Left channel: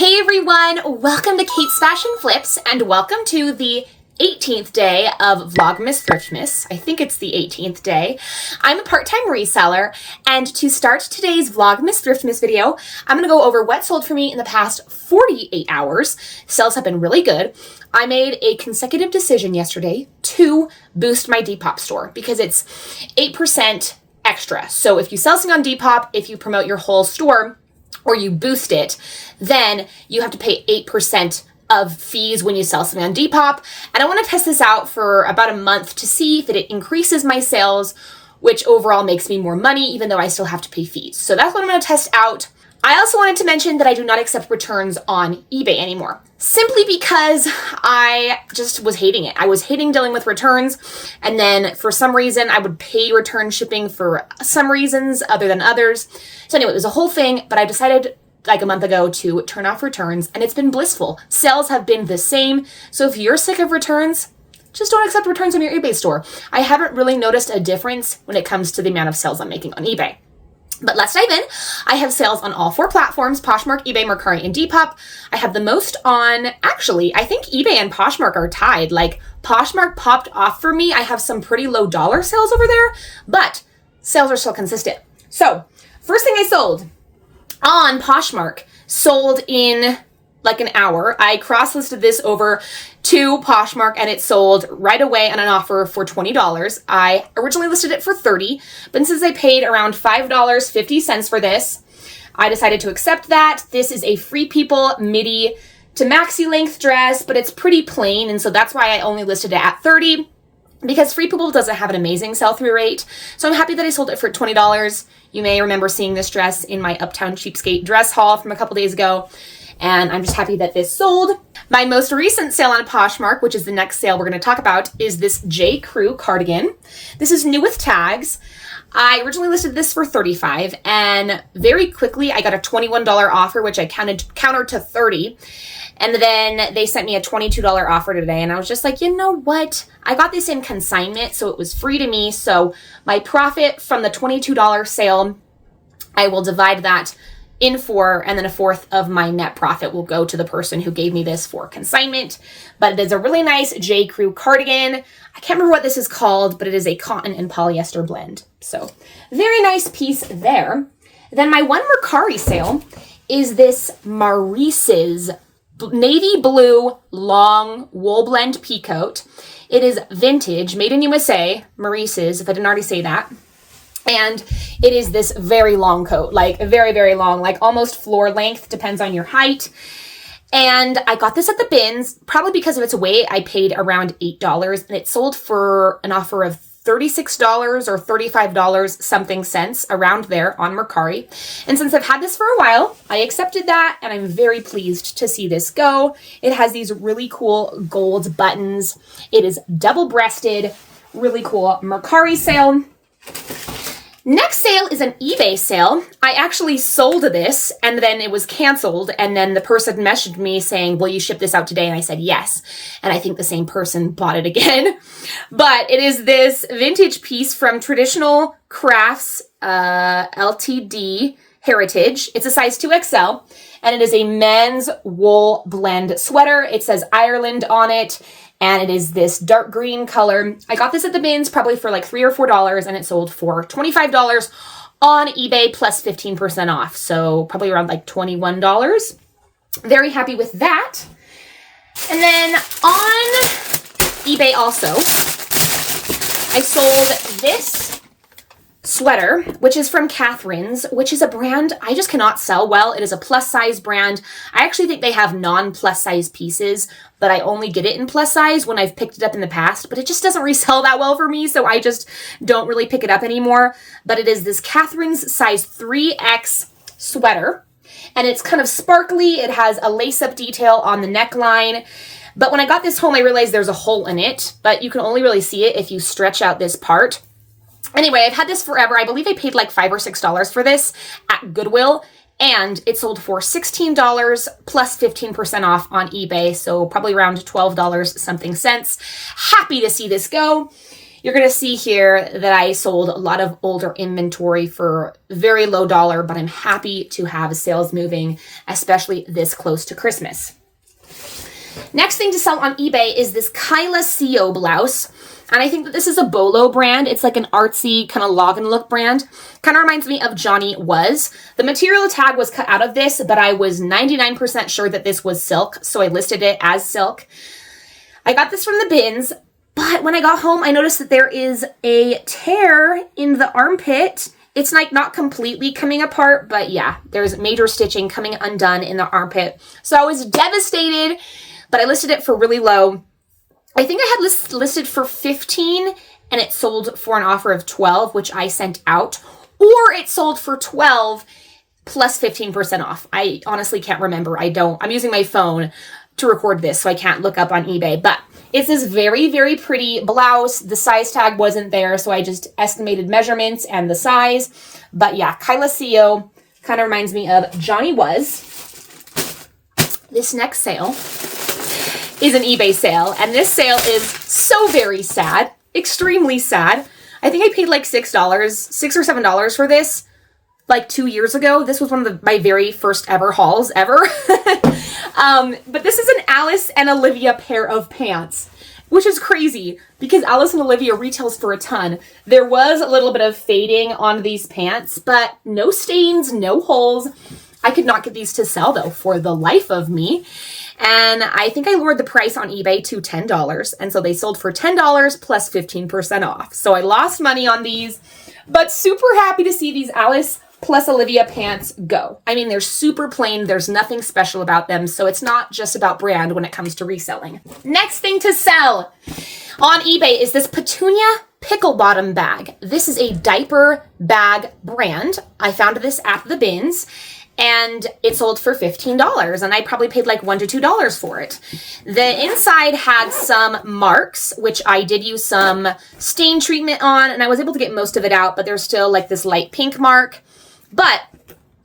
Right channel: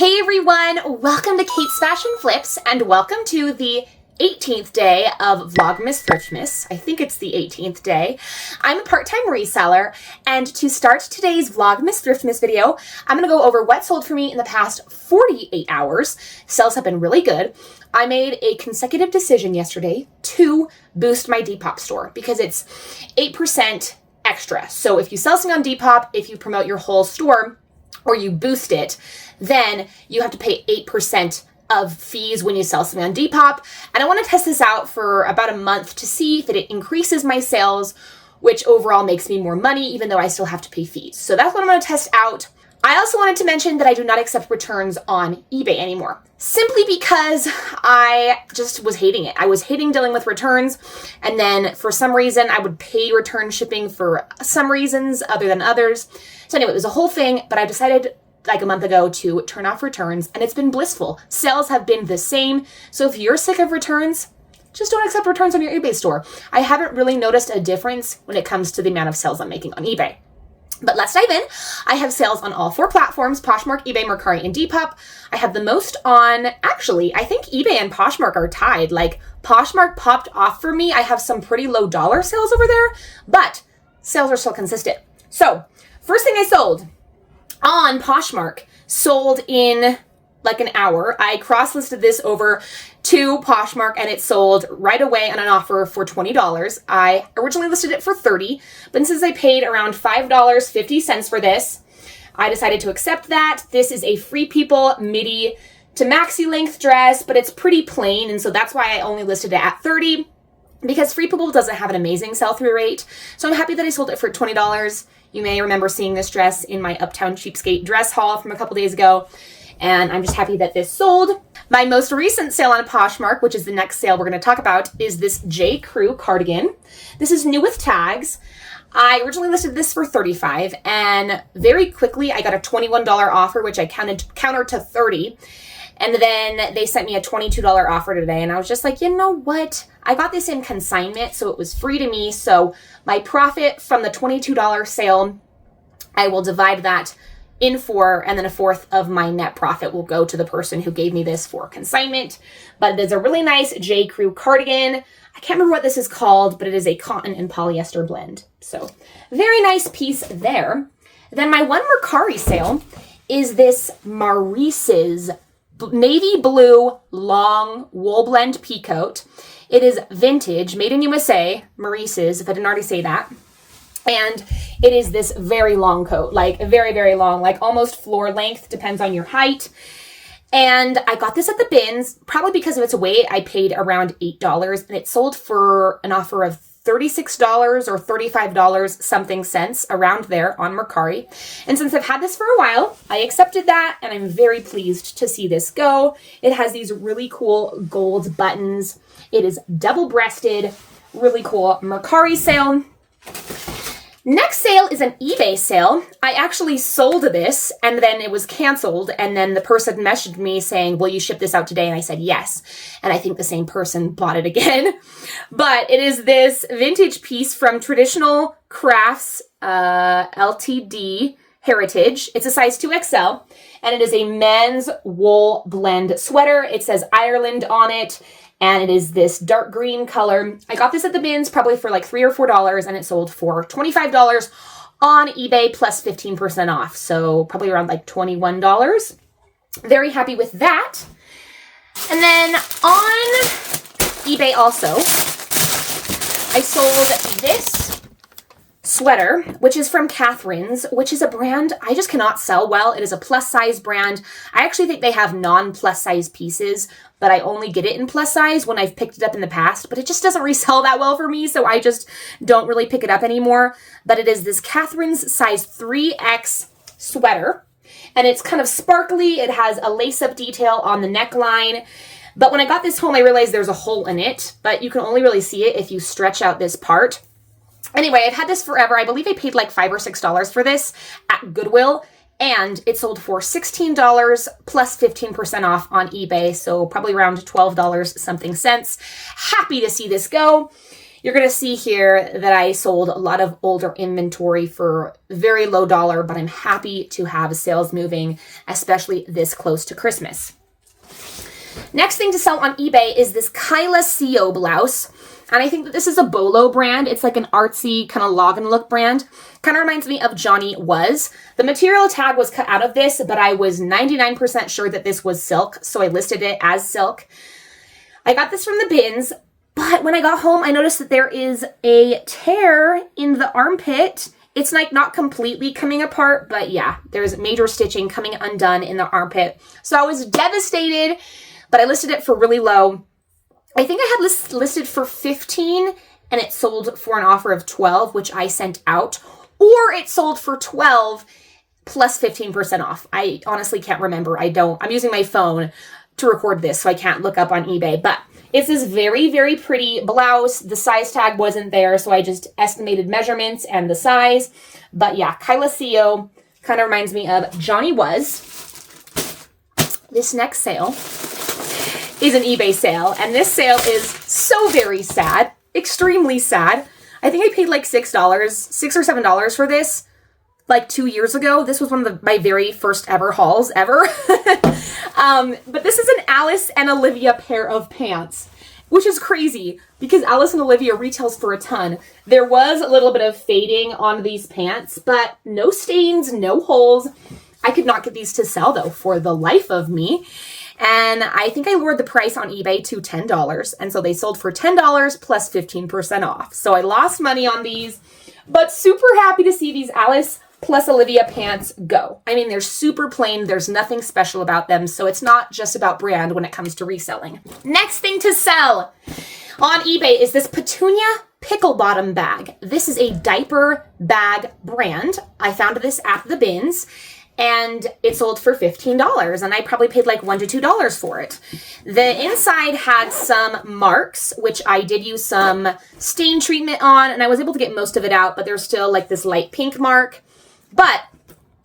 Hey everyone, welcome to Kate's Fashion Flips and welcome to the 18th day of VLOGMAS THRIFTMAS. I think it's the 18th day. I'm a part-time reseller, and to start today's VLOGMAS THRIFTMAS video, I'm going to go over what sold for me in the past 48 hours. Sales have been really good. I made a consecutive decision yesterday to boost my Depop store because it's 8% extra. So if you sell something on Depop, if you promote your whole store or you boost it, then you have to pay 8% of fees when you sell something on Depop. And I want to test this out for about a month to see that it increases my sales, which overall makes me more money, even though I still have to pay fees. So that's what I'm going to test out. I also wanted to mention that I do not accept returns on eBay anymore, simply because I just was hating it. I was hating dealing with returns, and then for some reason I would pay return shipping for some reasons other than others. So anyway, it was a whole thing, but I decided like a month ago to turn off returns, and it's been blissful. Sales have been the same. So if you're sick of returns, just don't accept returns on your eBay store. I haven't really noticed a difference when it comes to the amount of sales I'm making on eBay. But let's dive in. I have sales on all 4 platforms, Poshmark, eBay, Mercari, and Depop. I have the most on, actually, I think eBay and Poshmark are tied. Like, Poshmark popped off for me. I have some pretty low dollar sales over there, but sales are still consistent. So, first thing I sold on Poshmark sold in like an hour. I cross-listed this over to Poshmark and it sold right away on an offer for $20. I originally listed it for $30, but since I paid around $5.50 for this, I decided to accept that. This is a Free People midi to maxi length dress, but it's pretty plain, and so that's why I only listed it at $30, because Free People doesn't have an amazing sell-through rate. So I'm happy that I sold it for $20. You may remember seeing this dress in my Uptown Cheapskate dress haul from a couple days ago, and I'm just happy that this sold. My most recent sale on Poshmark, which is the next sale we're going to talk about, is this J. Crew cardigan. This is new with tags. I originally listed this for $35, and very quickly I got a $21 offer, which I countered to $30. And then they sent me a $22 offer today, and I was just like, you know what? I got this in consignment, so it was free to me. So my profit from the $22 sale, I will divide that in 4, and then a fourth of my net profit will go to the person who gave me this for consignment. But it is a really nice J. Crew cardigan. I can't remember what this is called, but it is a cotton and polyester blend. So very nice piece there. Then my one Mercari sale is this Maurice's navy blue long wool blend peacoat. It is vintage, made in USA, Maurice's, if I didn't already say that. And it is this very long coat, like very, very long, like almost floor length, depends on your height. And I got this at the bins, probably because of its weight. I paid around $8, and it sold for an offer of $36 or $35 something cents, around there on Mercari. And since I've had this for a while, I accepted that, and I'm very pleased to see this go. It has these really cool gold buttons. It is double-breasted, really cool Mercari sale. Next sale is an eBay sale. I actually sold this, and then it was canceled, and then the person messaged me saying, will you ship this out today? And I said yes, and I think the same person bought it again. But it is this vintage piece from Traditional Crafts Ltd. Heritage. It's a size 2XL, and it is a men's wool blend sweater. It says Ireland on it, and it is this dark green color. I got this at the bins probably for like $3 or $4, and it sold for $25 on eBay plus 15% off. So probably around like $21. Very happy with that. And then on eBay also, I sold this sweater, which is from Catherine's, which is a brand I just cannot sell well. It is a plus size brand. I actually think they have non-plus size pieces, but I only get it in plus size when I've picked it up in the past, but it just doesn't resell that well for me, so I just don't really pick it up anymore. But it is this Catherine's size 3X sweater, and it's kind of sparkly. It has a lace-up detail on the neckline. But when I got this home, I realized there's a hole in it, but you can only really see it if you stretch out this part. Anyway, I've had this forever. I believe I paid like $5 or $6 for this at Goodwill, and it sold for $16 plus 15% off on eBay, so probably around $12 something cents. Happy to see this go. You're going to see here that I sold a lot of older inventory for very low dollar, but I'm happy to have sales moving, especially this close to Christmas. Next thing to sell on eBay is this Kyla CO blouse. And I think that this is a Bolo brand. It's like an artsy kind of log and look brand. Kind of reminds me of Johnny Was. The material tag was cut out of this, but I was 99% sure that this was silk. So I listed it as silk. I got this from the bins, but when I got home, I noticed that there is a tear in the armpit. It's like not completely coming apart, but yeah, there's major stitching coming undone in the armpit. So I was devastated, but I listed it for really low. I think I had listed for 15 and it sold for an offer of 12, which I sent out, or it sold for 12 plus 15% off. I honestly can't remember. I'm using my phone to record this, so I can't look up on eBay, but it's this very, very pretty blouse. The size tag wasn't there, so I just estimated measurements and the size. But yeah, Kyla CO kind of reminds me of Johnny Was. This next sale is an eBay sale, and this sale is so very sad, extremely sad. I think I paid like $6 or $7 for this like 2 years ago. This was one of my very first ever hauls ever. But this is an Alice and Olivia pair of pants, which is crazy because Alice and Olivia retails for a ton. There was a little bit of fading on these pants, but no stains, no holes. I could not get these to sell though for the life of me. And I think I lowered the price on eBay to $10. And so they sold for $10 plus 15% off. So I lost money on these, but super happy to see these Alice plus Olivia pants go. I mean, they're super plain. There's nothing special about them. So it's not just about brand when it comes to reselling. Next thing to sell on eBay is this Petunia pickle bottom bag. This is a diaper bag brand. I found this at the bins. And it sold for $15, and I probably paid like $1 to $2 for it. The inside had some marks, which I did use some stain treatment on, and I was able to get most of it out, but there's still like this light pink mark. But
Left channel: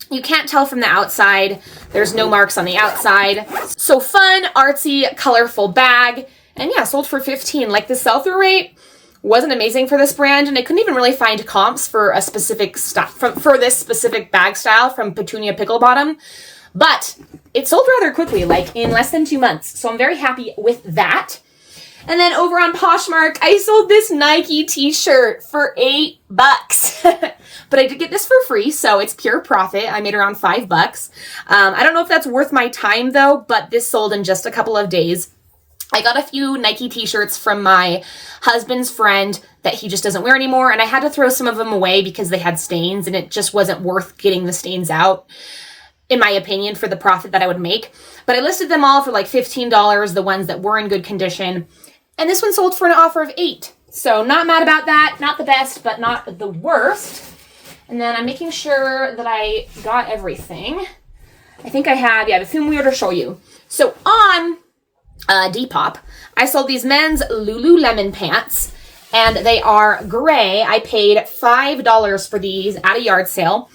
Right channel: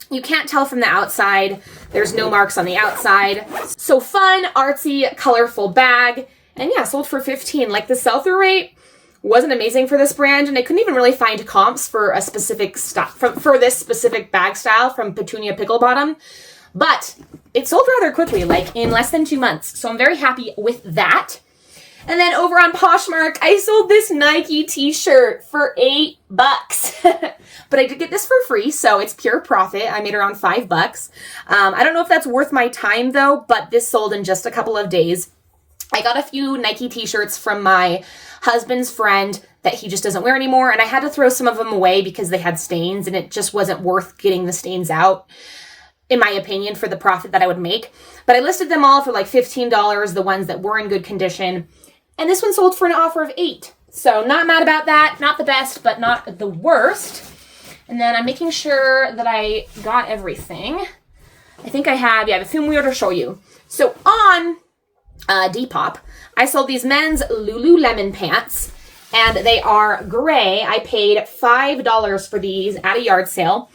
you can't tell from the outside. There's no marks on the outside. So fun, artsy, colorful bag. And yeah, sold for $15. Like the sell-through rate wasn't amazing for this brand, and I couldn't even really find comps for a specific for this specific bag style from Petunia Pickle Bottom, but it sold rather quickly, like in less than 2 months. So I'm very happy with that. And then over on Poshmark, I sold this Nike t-shirt for $8. But I did get this for free, so it's pure profit. I made around $5. I don't know if that's worth my time though, but this sold in just a couple of days. I got a few Nike t-shirts from my husband's friend that he just doesn't wear anymore, and I had to throw some of them away because they had stains, and it just wasn't worth getting the stains out, in my opinion, for the profit that I would make. But I listed them all for like $15, the ones that were in good condition, and this one sold for an offer of $8. So not mad about that. Not the best, but not the worst. And then I'm making sure that I got everything. I think I have, yeah, a few more to show you. So on Depop, I sold these men's Lululemon pants, and they are gray. I paid $5 for these at a yard sale.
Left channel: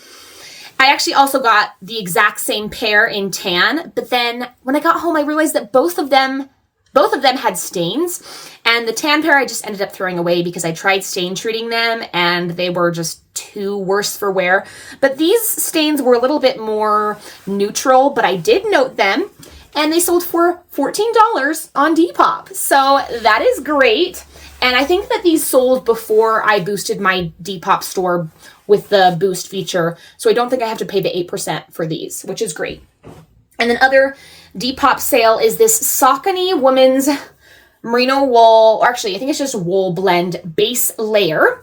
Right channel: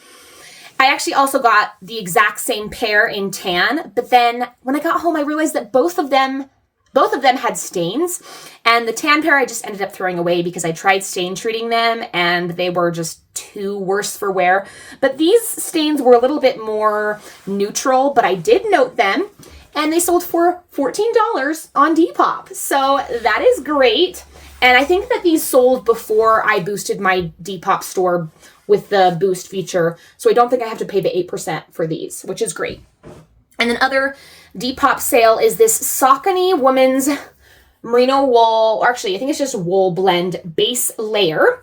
I actually also got the exact same pair in tan, but then when I got home, I realized that both of them had stains, and the tan pair I just ended up throwing away because I tried stain treating them and they were just too worse for wear. But these stains were a little bit more neutral, but I did note them. And they sold for $14 on Depop. So that is great. And I think that these sold before I boosted my Depop store with the boost feature. So I don't think I have to pay the 8% for these, which is great. And then other Depop sale is this Saucony women's merino wool, or actually I think it's just wool blend base layer.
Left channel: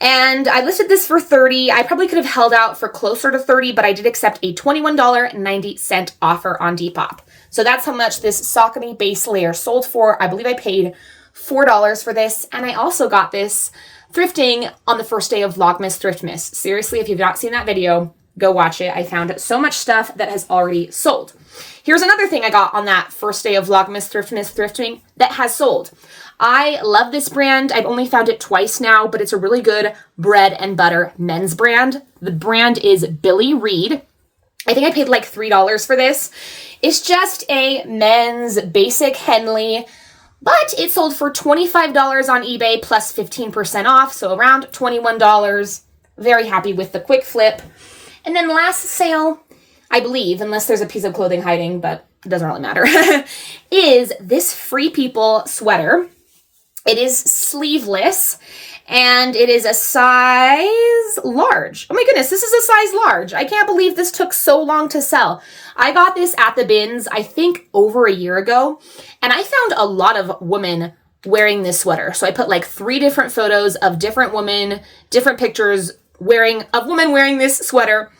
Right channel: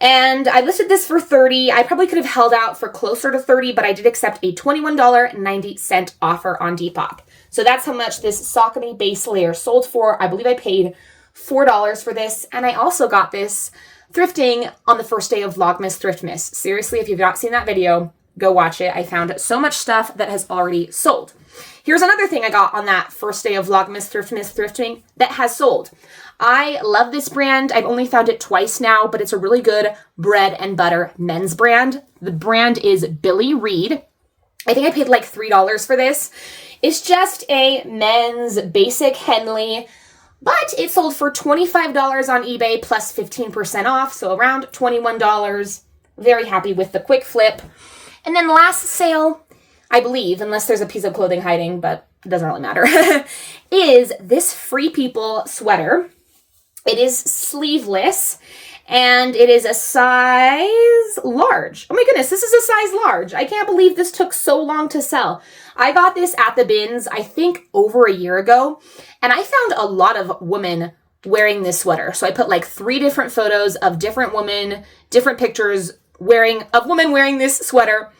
And I listed this for $30. I probably could have held out for closer to $30, but I did accept a $21.90 offer on Depop. So that's how much this Saucony base layer sold for. I believe I paid $4 for this. And I also got this thrifting on the first day of Vlogmas Thriftmas. Seriously, if you've not seen that video, go watch it. I found so much stuff that has already sold. Here's another thing I got on that first day of Vlogmas Thriftmas thrifting that has sold. I love this brand. I've only found it twice now, but it's a really good bread and butter men's brand. The brand is Billy Reed. I think I paid like $3 for this. It's just a men's basic Henley But it sold for $25 on eBay plus 15% off, so around $21. Very happy with the quick flip. And then last sale, I believe, unless there's a piece of clothing hiding, but it doesn't really matter, is this Free People sweater. It is sleeveless, and it is a size large. Oh my goodness, this is a size large. I can't believe this took so long to sell. I got this at the bins, I think over a year ago, and I found a lot of women wearing this sweater. So I put like 3 different photos of different women, different pictures of women wearing this sweater,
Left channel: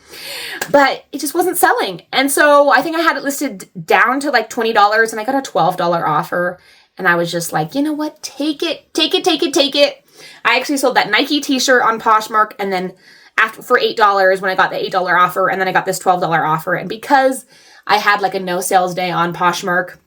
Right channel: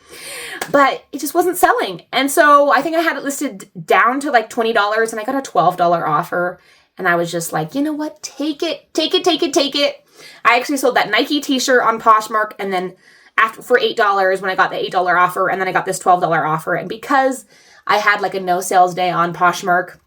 but it just wasn't selling. And so I think I had it listed down to like $20, and I got a $12 offer. And I was just like, you know what? Take it, take it, take it, take it. I actually sold that Nike t-shirt on Poshmark, and then for $8 when I got the $8 offer, and then I got this $12 offer. And because I had like a no sales day on Poshmark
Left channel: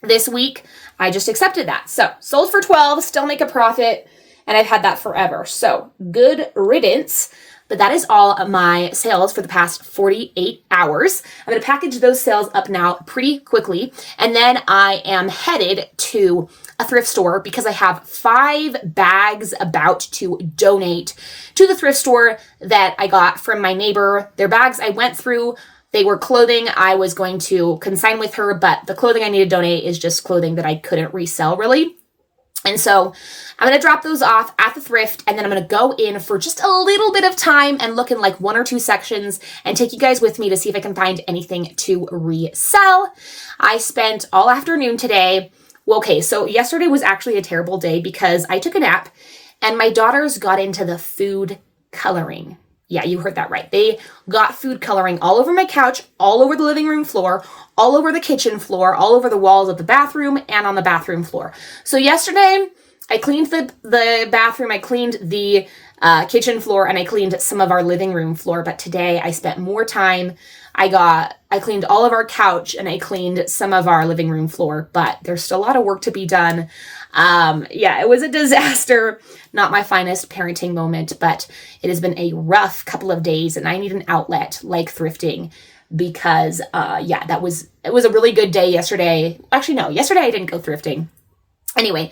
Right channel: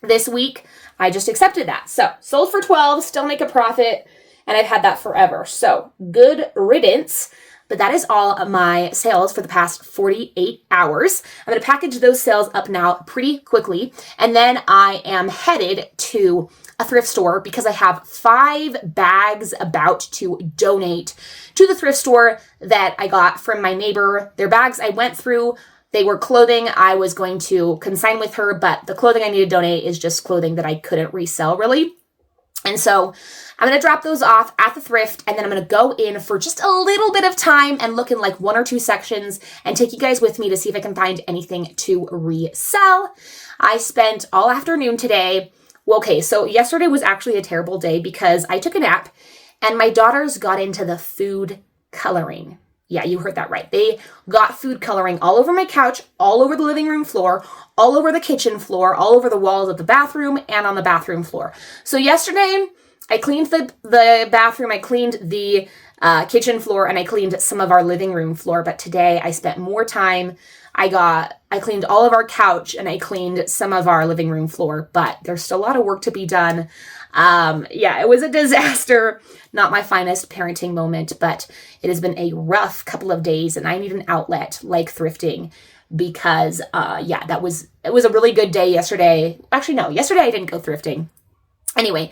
this week, I just accepted that. So sold for $12, still make a profit, and I've had that forever. So good riddance. But that is all of my sales for the past 48 hours. I'm going to package those sales up now pretty quickly. And then I am headed to a thrift store because I have 5 bags about to donate to the thrift store that I got from my neighbor. Their bags I went through. They were clothing I was going to consign with her, but the clothing I need to donate is just clothing that I couldn't resell really. And so I'm going to drop those off at the thrift, and then I'm going to go in for just a little bit of time and look in like 1 or 2 sections and take you guys with me to see if I can find anything to resell. I spent all afternoon today. Well, okay, so yesterday was actually a terrible day because I took a nap and my daughters got into the food coloring. Yeah, you heard that right. They got food coloring all over my couch, all over the living room floor, all over the kitchen floor, all over the walls of the bathroom, and on the bathroom floor. So yesterday, I cleaned the bathroom, I cleaned the kitchen floor, and I cleaned some of our living room floor. But today, I spent more time. I cleaned all of our couch, and I cleaned some of our living room floor. But there's still a lot of work to be done. Yeah, it was a disaster. Not my finest parenting moment, but it has been a rough couple of days, and I need an outlet like thrifting because, yeah, it was a really good day yesterday. Actually, no, yesterday I didn't go thrifting. Anyway,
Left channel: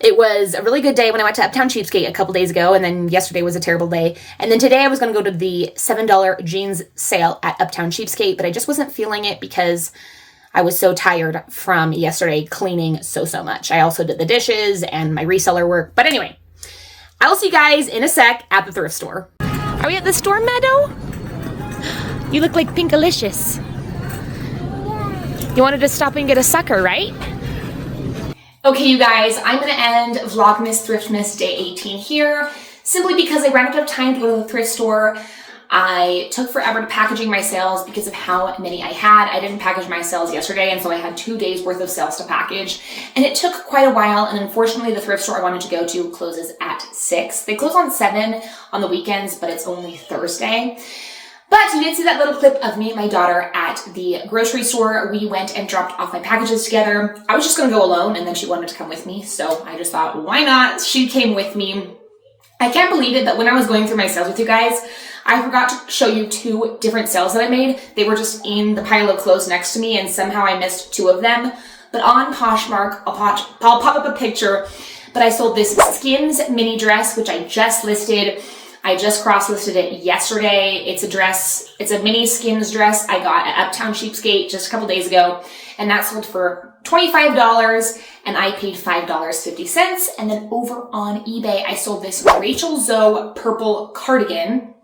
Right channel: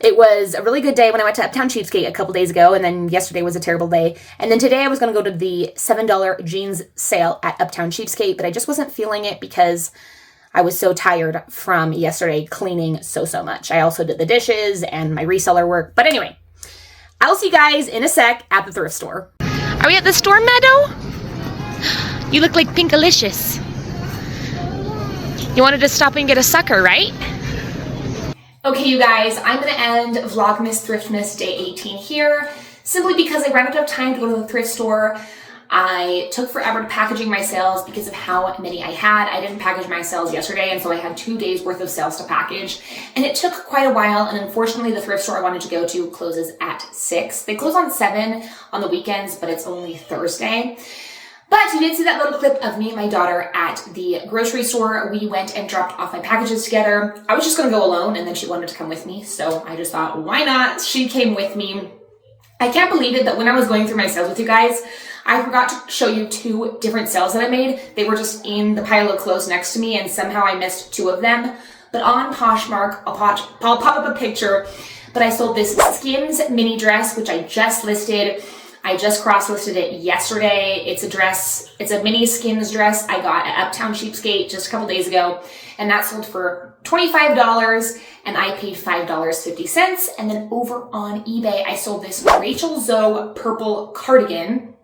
it was a really good day when I went to Uptown Cheapskate a couple days ago, and then yesterday was a terrible day. And then today I was going to go to the $7 jeans sale at Uptown Cheapskate, but I just wasn't feeling it because I was so tired from yesterday cleaning so much. I also did the dishes and my reseller work. But anyway, I'll see you guys in a sec at the thrift store. Are we at the store, Meadow? You look like Pinkalicious. You wanted to stop and get a sucker, right? Okay, you guys, I'm going to end Vlogmas Thriftmas Day 18 here, simply because I ran out of time to go to the thrift store. I took forever to packaging my sales because of how many I had. I didn't package my sales yesterday, and so I had 2 days worth of sales to package, and it took quite a while. And unfortunately, the thrift store I wanted to go to closes at 6. They close on 7 on the weekends, but it's only Thursday. But you did see that little clip of me and my daughter at the grocery store. We went and dropped off my packages together. I was just going to go alone, and then she wanted to come with me, so I just thought, why not? She came with me. I can't believe it, but when I was going through my sales with you guys, I forgot to show you 2 different sales that I made. They were just in the pile of clothes next to me, and somehow I missed 2 of them. But on Poshmark, I'll pop up a picture, but I sold this Skims mini dress, which I just listed. I just cross-listed it yesterday. It's a dress, it's a mini Skims dress I got at Uptown Cheapskate just a couple days ago, and that sold for $25, and I paid $5.50. And then over on eBay, I sold this Rachel Zoe purple cardigan,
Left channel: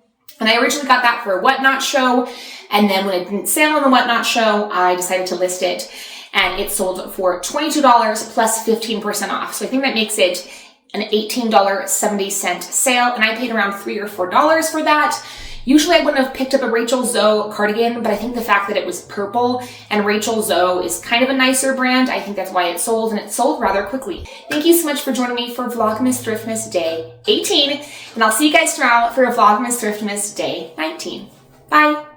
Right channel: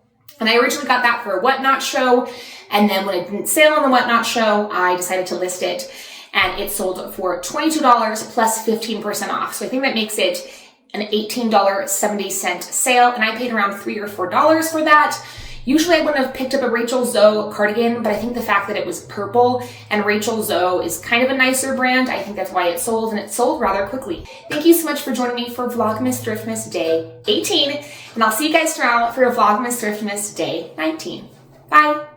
and I originally got that for a Whatnot show, and then when it didn't sell on the Whatnot show, I decided to list it, and it sold for $22 plus 15% off. So I think that makes it an $18.70 sale, and I paid around $3 or $4 for that. Usually I wouldn't have picked up a Rachel Zoe cardigan, but I think the fact that it was purple and Rachel Zoe is kind of a nicer brand, I think that's why it sold, and it sold rather quickly. Thank you so much for joining me for Vlogmas Thriftmas Day 18, and I'll see you guys tomorrow for Vlogmas Thriftmas Day 19. Bye.